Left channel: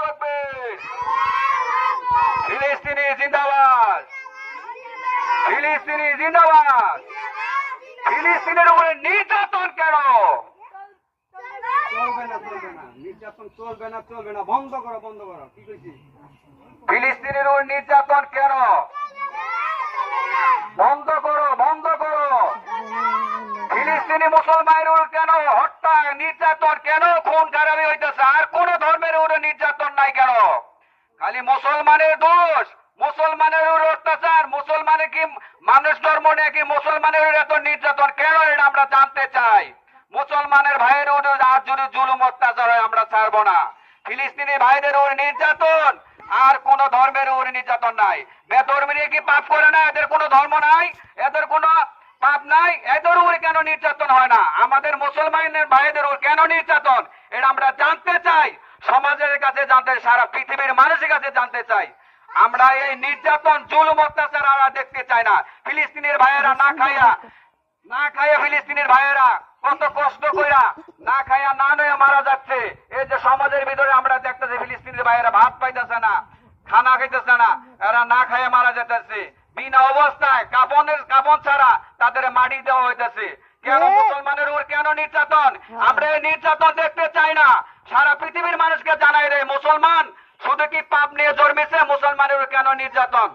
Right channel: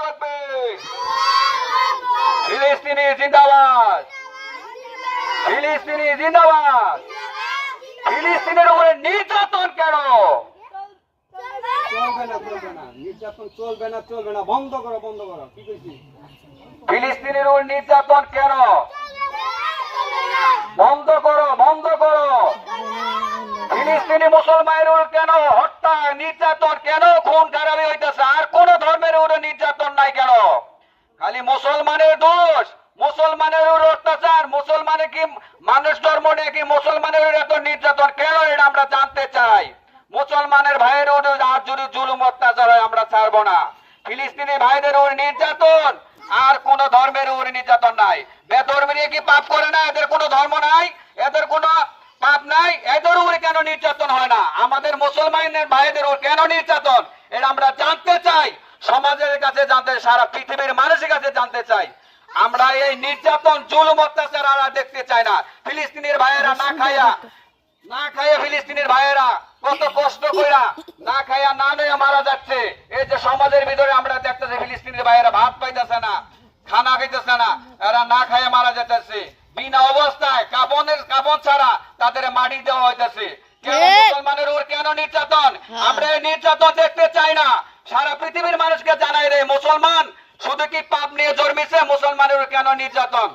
তাকবীর, ফিলিস্তিনি জিন্দাবাদ, ফিলিস্তিনি জিন্দাবাদ। ফিলিস্তিনের উপরে নির্যাতন কেন? চলবে না, চলবে না, নির্যাতন চলবে না, চলবে না, বন্ধ করো, বন্ধ করো। কি কইছি? ফিলিস্তিনের উপর নির্যাতন কেন? বন্ধ করো, বন্ধ করো। ফিলিস্তিনি মুসলমানের উপর কেন হত্যা, নির্যাতন কেন, খুন খারাপি হইতেছে? আর কোন ধর্মের উপরে নির্যাতন নাই কেন? খালি মুসলমানের দোষ, মুসলমানের উপর অত্যাচার। মুসলমানের কি মানুষ ধর্ম নিয়ে কি মুসলমানের উপর এত নির্যাতন কেন? এটা আমরা জানতে চাই। মুসলমানের ভাইয়ের উপর আর যদি জুলুম অত্যাচার হয় আমরা ছাড়বো না। ফিলিস্তিনি ভাইদের উপর নির্যাতন, আর কোন ধর্মের উপর নির্যাতন নাই। বেধর্মীরা কি পাপ করে না? এদের কোনো ধর্ম নাই, এদের কোনো পাপ নাই, এদের উপরে কেন নির্যাতন হয় না? আমাদের মুসলমানের ভাইদের উপর কেন নির্যাতন? এটা আমরা জানতে চাই, সমাজের কাছে জানতে, সারা পৃথিবীর মানুষের কাছে জানতে চাই। আমরা এই নির্যাতন, জুলুম, অত্যাচার আমরা দেখতে চাই না। ফিলিস্তিনের ভাইয়েরা না খাইয়া ফিলিস্তিনের ভাইয়েরা কত কষ্ট কইরা না খাইয়া না নয়া মারা যাচ্ছে। এই যে সমাজের ভিতরে আমরা দেখতেছি ফিলিস্তিনের ভাইয়েরা ভাত পাইতেছে না, খানা খাইতেছে না, এরা না খাইয়া মারা যেতেছে। বিনা অবস্থায় কাপন ছাড়া তাদের মাটি দেওয়া হইতেছে। কেন মুসলমানের উপর কেন নির্যাতন? আমরা এই নির্যাতন দেখতে চাই না। সারা পৃথিবীর মানুষকে জানাই রে, মুসলমান শুধু কি পাপ নিয়ে জন্মেছে? মুসলমানের উপর কেন নির্যাতন?